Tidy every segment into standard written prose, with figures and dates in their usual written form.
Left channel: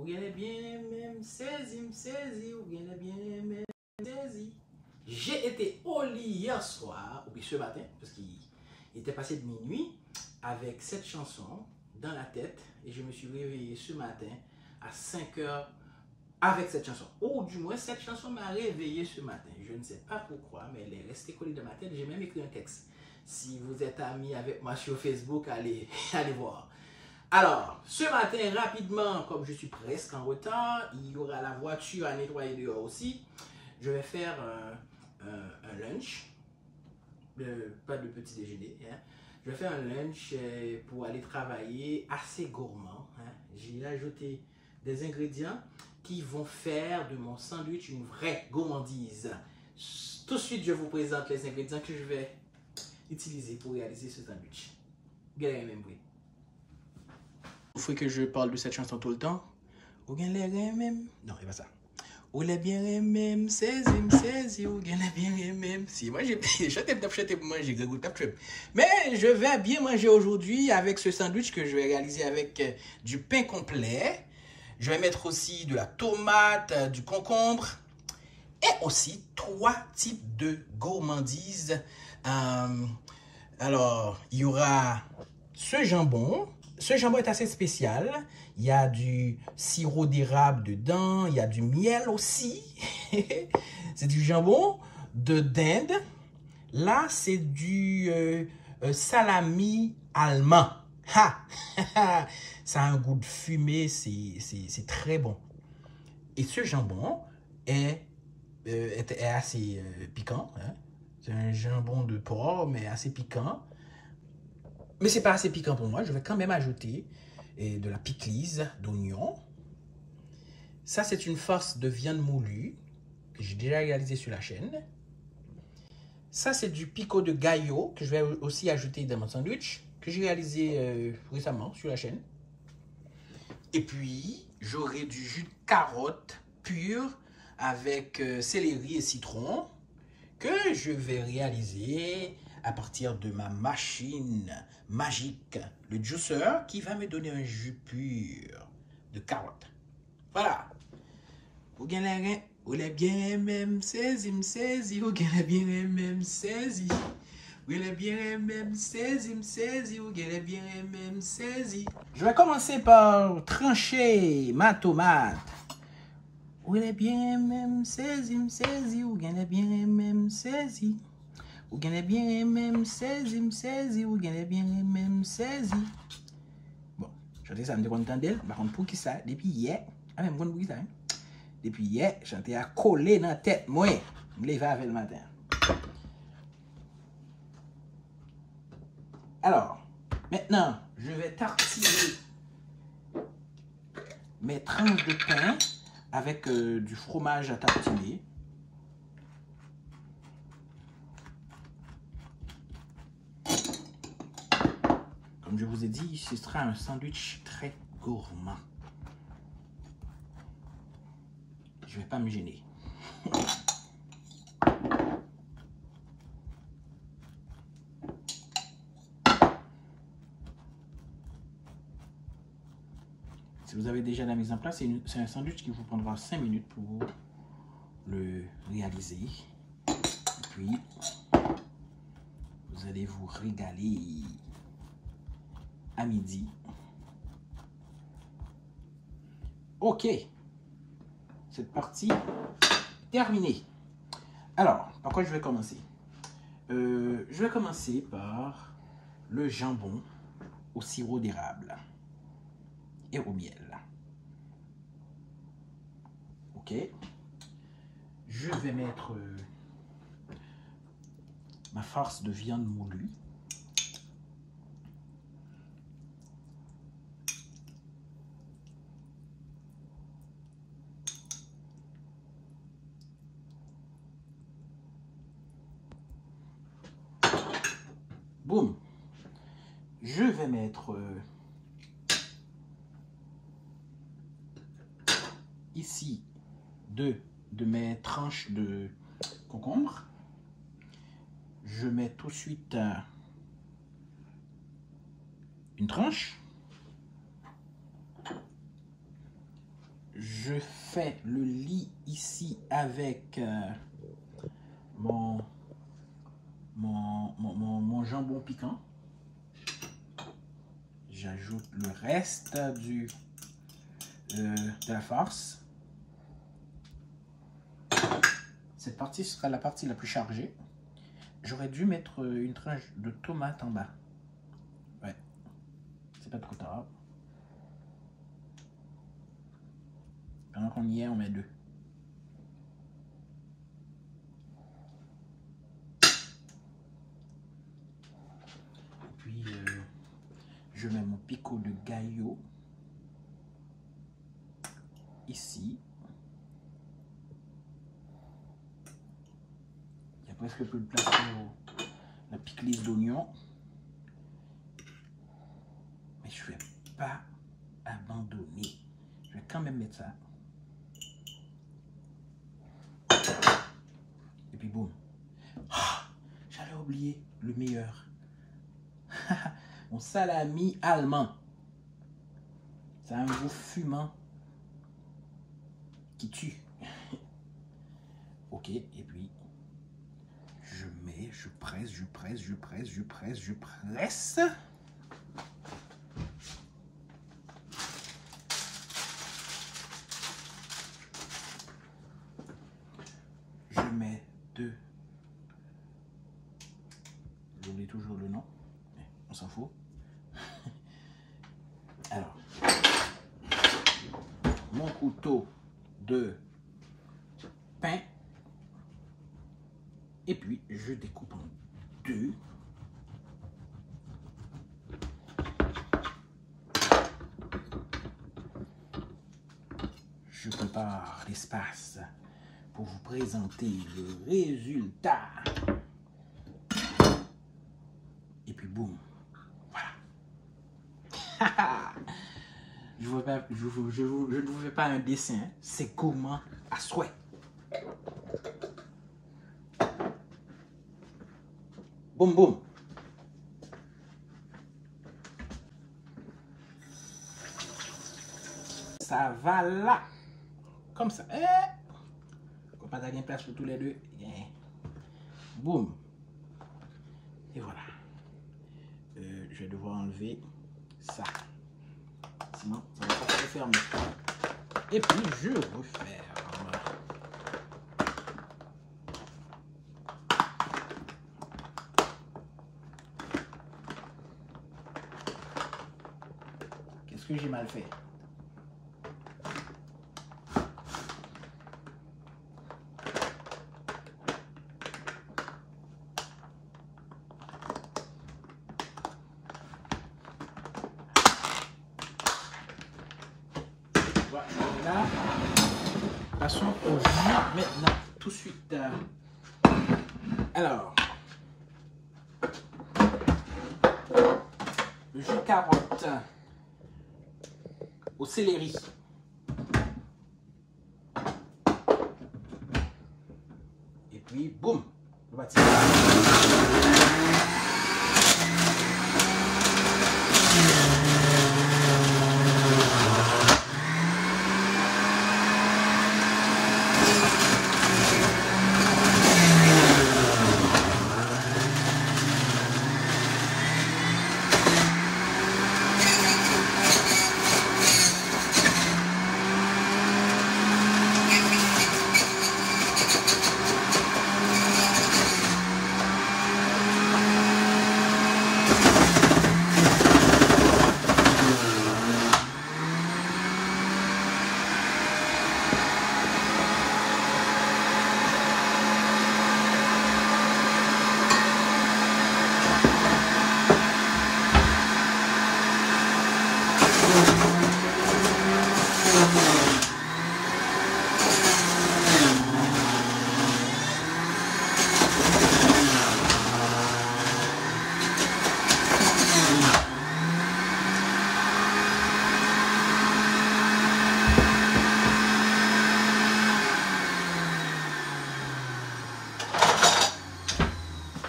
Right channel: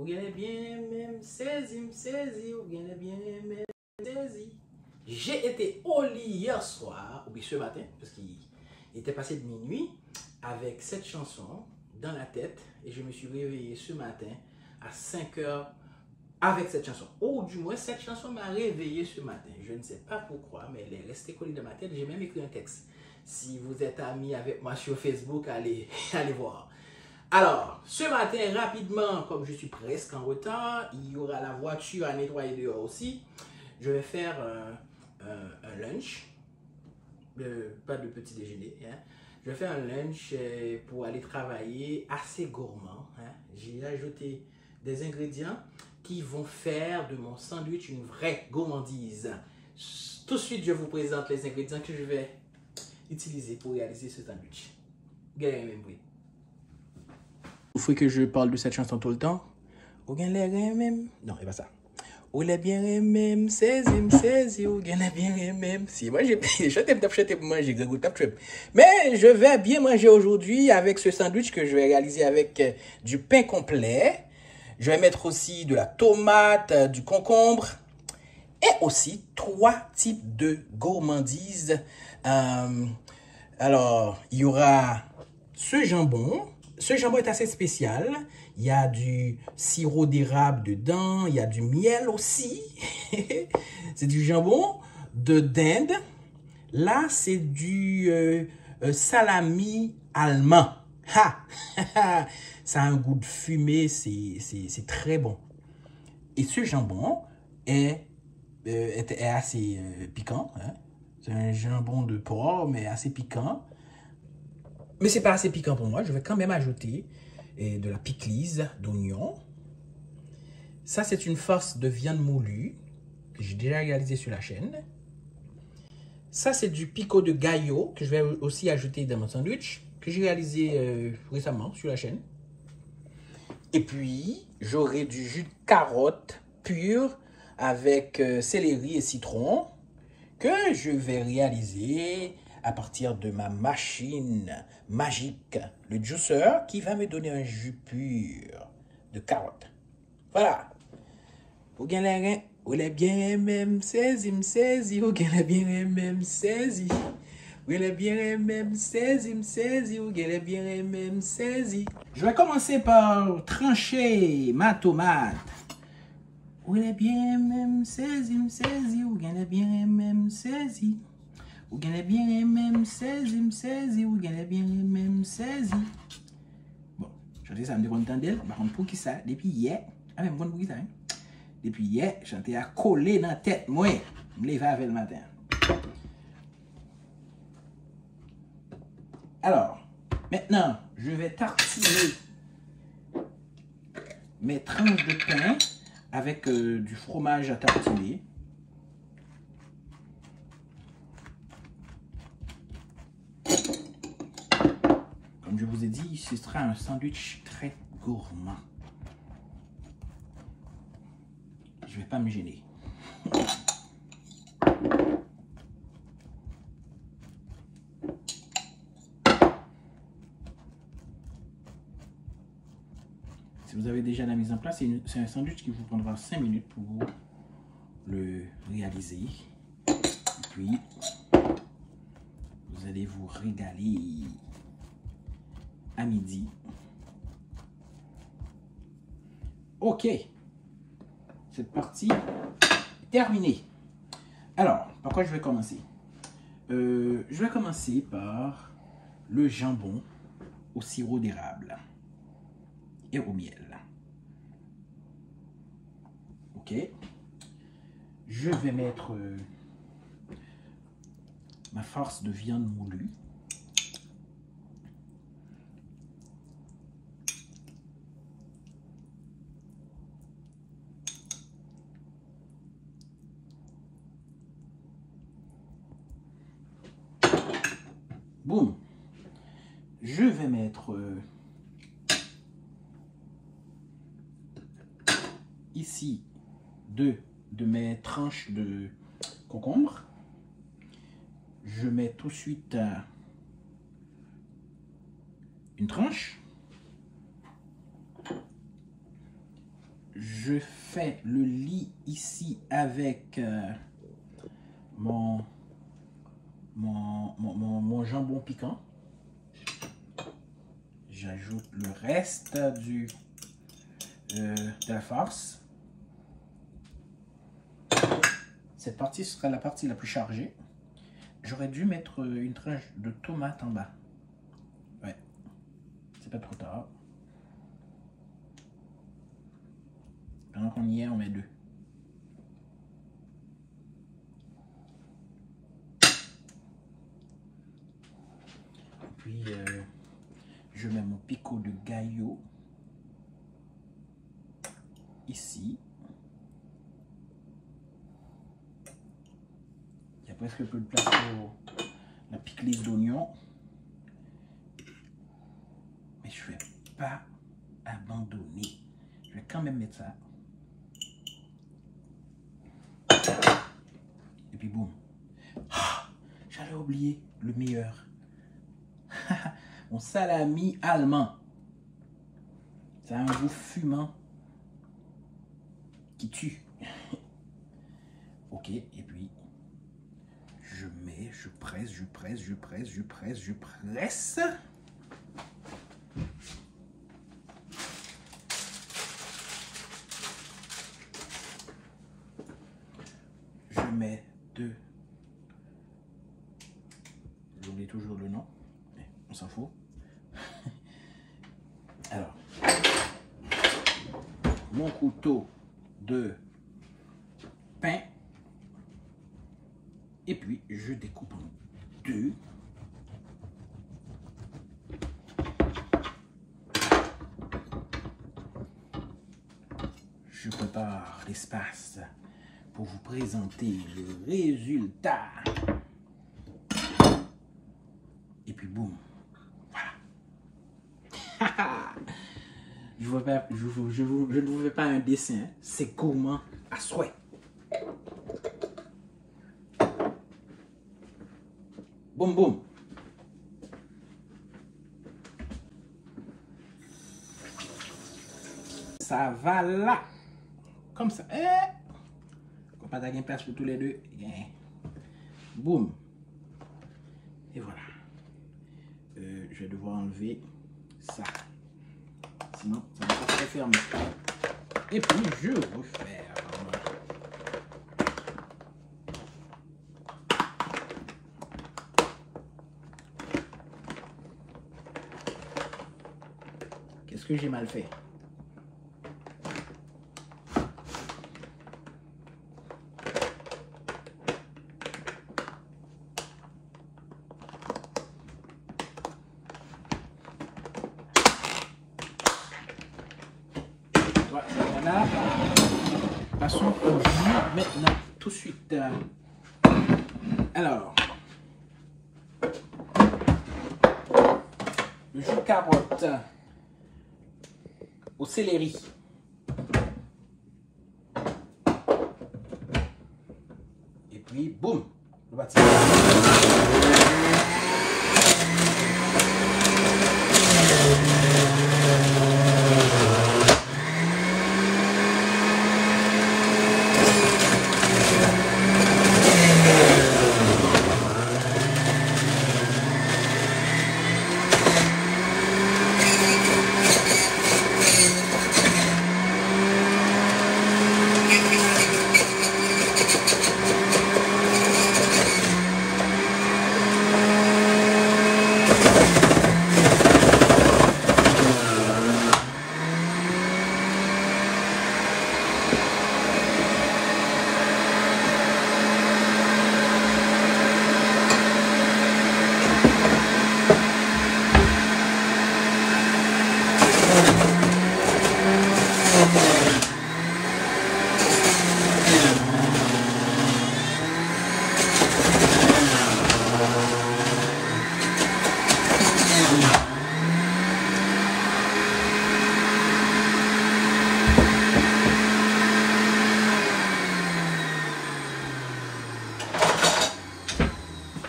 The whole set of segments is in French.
Ou gagnez bien même saisi, ou gagnez bien même saisi. J'ai été au lit hier soir, ou bien ce matin, parce qu'il était passé de minuit, avec cette chanson dans la tête, et je me suis réveillé ce matin à 5 heures avec cette chanson. Ou du moins, cette chanson m'a réveillé ce matin. Je ne sais pas pourquoi, mais elle est restée collée dans ma tête. J'ai même écrit un texte. Si vous êtes amis avec moi sur Facebook, allez voir. Alors, ce matin, rapidement, comme je suis presque en retard, il y aura la voiture à nettoyer dehors aussi. Je vais faire un lunch, pas de petit déjeuner. Hein. Je vais faire un lunch pour aller travailler assez gourmand. Hein. J'ai ajouté des ingrédients qui vont faire de mon sandwich une vraie gourmandise. Tout de suite, je vous présente les ingrédients que je vais utiliser pour réaliser ce sandwich. Regardez même bruit. Il faut que je parle de cette chanson tout le temps. Ou bien les même. Non, c'est pas ça. Ou les bien même, saisi, ou bien les bien même. Si, moi, j'ai chanté pour manger, mais je vais bien manger aujourd'hui avec ce sandwich que je vais réaliser avec du pain complet. Je vais mettre aussi de la tomate, du concombre et aussi 3 types de gourmandises. Alors, il y aura ce jambon. Ce jambon est assez spécial. Il y a du sirop d'érable dedans. Il y a du miel aussi. C'est du jambon de dinde. Là, c'est du salami allemand. Ha! Ça a un goût de fumée. C'est très bon. Et ce jambon est assez piquant. Hein? C'est un jambon de porc, mais assez piquant. Mais c'est pas assez piquant pour moi. Je vais quand même ajouter de la piclise d'oignon. Ça, c'est une farce de viande moulue que j'ai déjà réalisé sur la chaîne. Ça, c'est du pico de gallo que je vais aussi ajouter dans mon sandwich que j'ai réalisé récemment sur la chaîne. Et puis, j'aurai du jus de carotte pur avec céleri et citron que je vais réaliser à partir de ma machine magique, le juicer, qui va me donner un jus pur de carotte. Voilà. Ou les bien même saisi, ou les bien même saisi. Ou les bien même saisi, ou les bien même saisi. Je vais commencer par trancher ma tomate. Ou les bien même saisi, ou les bien même saisi. Ou gagnez bien même saisi, ou gagnez bien même saisi. Bon, je ça me décontent d'elle. Par contre, pour qui ça? Depuis hier, même bon pour qui ça? Hein? Depuis hier, j'étais à coller dans la tête. Moi, je me lève avec le matin. Alors, maintenant, je vais tartiner mes tranches de pain avec du fromage à tartiner. Comme je vous ai dit, ce sera un sandwich très gourmand. Je ne vais pas me gêner. Si vous avez déjà la mise en place, c'est un sandwich qui vous prendra 5 minutes pour le réaliser. Et puis, vous allez vous régaler à midi. Ok, cette partie est terminée. Alors, par quoi je vais commencer? Je vais commencer par le jambon au sirop d'érable et au miel. Ok, je vais mettre ma farce de viande moulue. Boum. Je vais mettre ici 2 de mes tranches de concombre. Je mets tout de suite une tranche. je fais le lit ici avec mon jambon piquant. J'ajoute le reste de la farce. Cette partie sera la partie la plus chargée. J'aurais dû mettre une tranche de tomate en bas. Ouais, c'est pas trop tard. Pendant qu'on y est, on met 2. Puis, je mets mon picot de gallo ici. Il y a presque plus de place pour la pickles d'oignon. Mais je ne vais pas abandonner. Je vais quand même mettre ça. Et puis boum. Ah, j'allais oublier le meilleur. Mon salami allemand. Ça a un goût fumant qui tue. Ok, et puis je mets, je presse. Je mets 2. J'oublie toujours le nom. On s'en fout. Alors, mon couteau de pain. Et puis, je découpe en 2. Je prépare l'espace pour vous présenter le résultat. Et puis, boum. Voilà. Je ne vous fais pas un dessin. C'est gourmand à souhait. Boum, boum. Ça va là. Comme ça. On va pas avoir place pour tous les deux. Boum. Et voilà. Je vais devoir enlever ça. Sinon, ça va pas se fermer. Et puis, je referme. Qu'est-ce que j'ai mal fait? Voilà. Passons au jus maintenant, tout de suite. Alors, le jus de carotte au céleri. Et puis, boum, le bâtiment.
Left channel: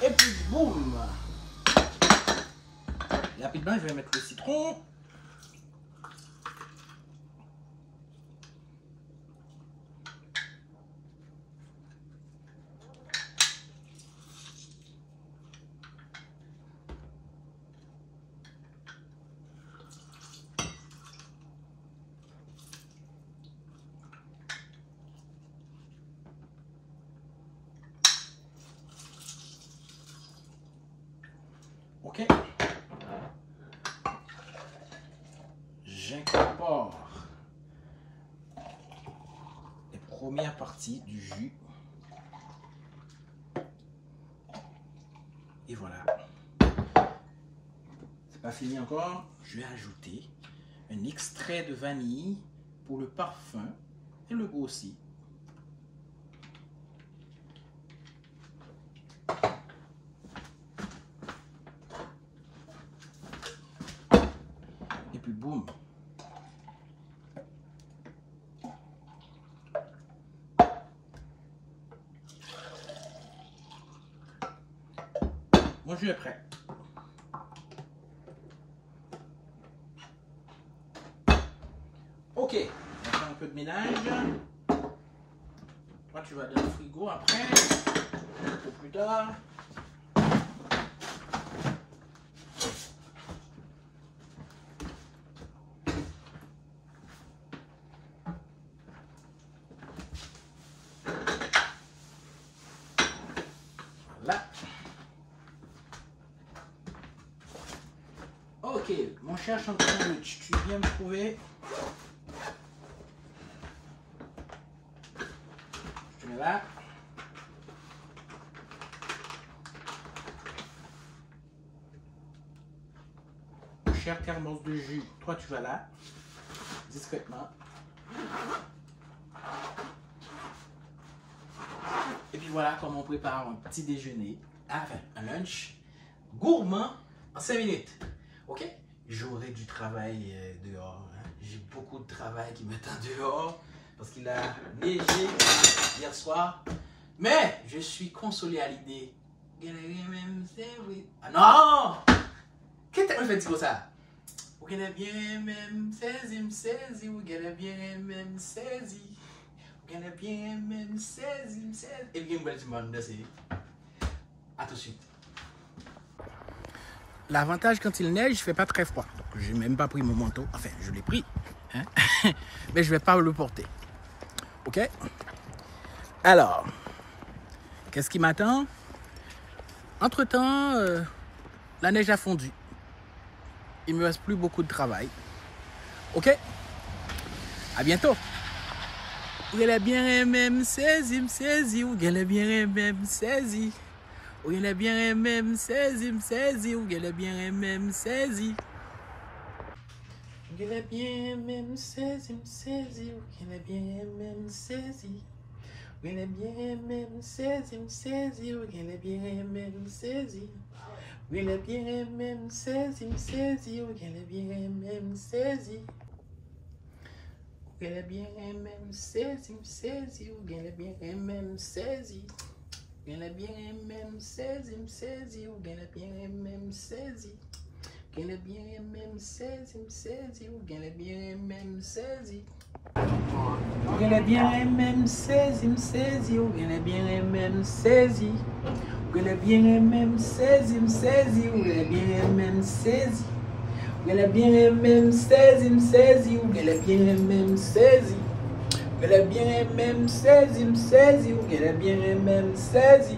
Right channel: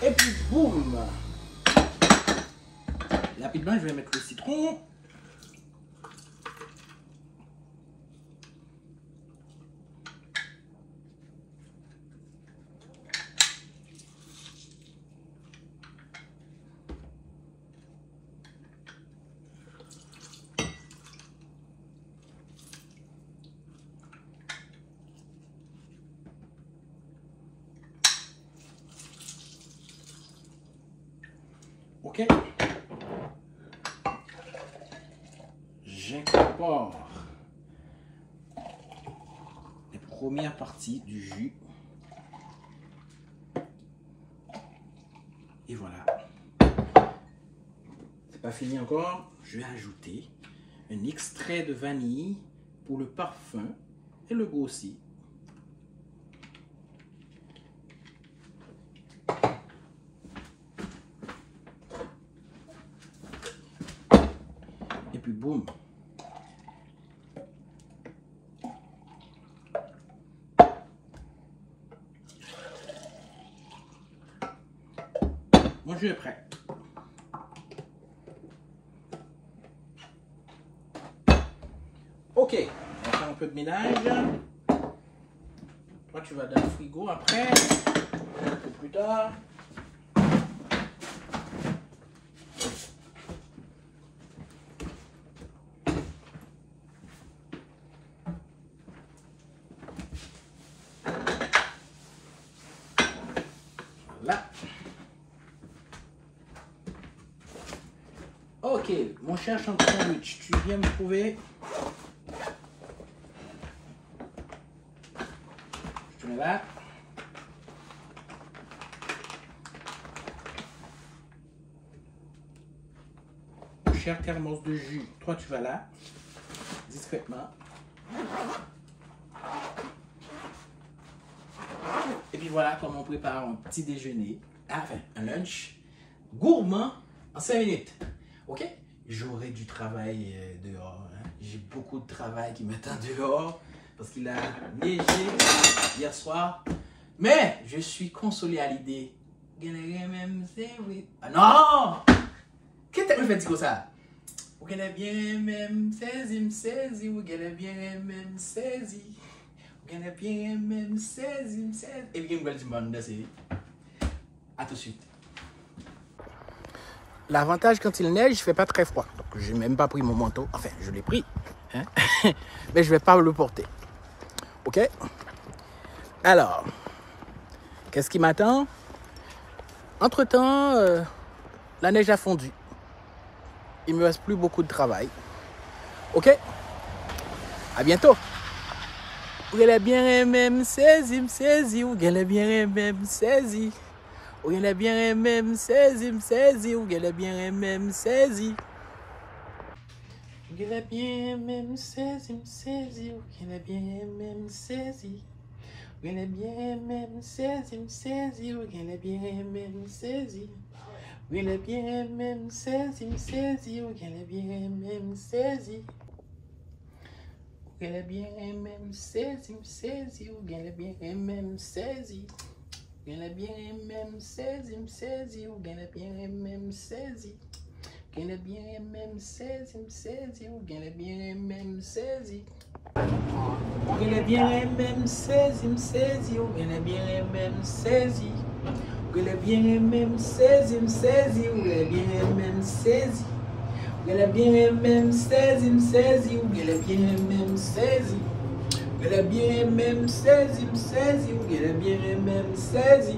Et puis boum. Et rapidement, je vais mettre le citron. Ok. J'incorpore les premières parties du jus. Et voilà. C'est pas fini encore. Je vais ajouter un extrait de vanille pour le parfum et le goût aussi. Et puis boum. Mon jus est prêt. Ok, on va faire un peu de ménage. Toi, tu vas dans le frigo après, un peu plus tard. Voilà. Ok, mon cher sandwich, tu viens me trouver. Je te mets là. Mon cher thermos de jus, toi tu vas là, discrètement. Et puis voilà comment on prépare un petit déjeuner, enfin un lunch gourmand en 5 minutes. Ok? J'aurai du travail dehors. Hein. J'ai beaucoup de travail qui m'attend dehors parce qu'il a neigé hier soir. Mais je suis consolé à l'idée. Ah non! Qu'est-ce que tu me fais dire comme ça? Vous gagnez bien même saisi, vous gagnez bien même saisi. Vous gagnez bien même saisi. Et bien, vous allez c'est. À tout de suite. L'avantage quand il neige, il ne fait pas très froid. Donc, je n'ai même pas pris mon manteau. Enfin, je l'ai pris. Hein? Mais je ne vais pas le porter. Ok? Alors, qu'est-ce qui m'attend? Entre-temps, la neige a fondu. Il ne me reste plus beaucoup de travail. Ok? À bientôt. Vous gagnez bien même saisi, vous gagnez bien même saisi. Vous gagnez bien même saisi, vous gagnez bien même saisi. Vous gagnez bien même saisi, vous gagnez bien même saisi. Vous gagnez bien même saisi, vous gagnez bien même saisi. Vous gagnez bien même saisi, vous gagnez bien même saisi. Vous gagnez bien même saisi, vous gagnez bien même saisi. Vous gagnez bien même saisi, vous gagnez bien même saisi. Vous gagnez bien même saisi, vous gagnez bien même saisi. Vous gagnez bien même saisi, vous gagnez bien même saisi. Vous gagnez bien même saisi, vous gagnez bien même saisi. Vous gagnez bien même saisi, vous gagnez bien même saisi. Vous gagnez bien même saisi, vous gagnez bien même saisi.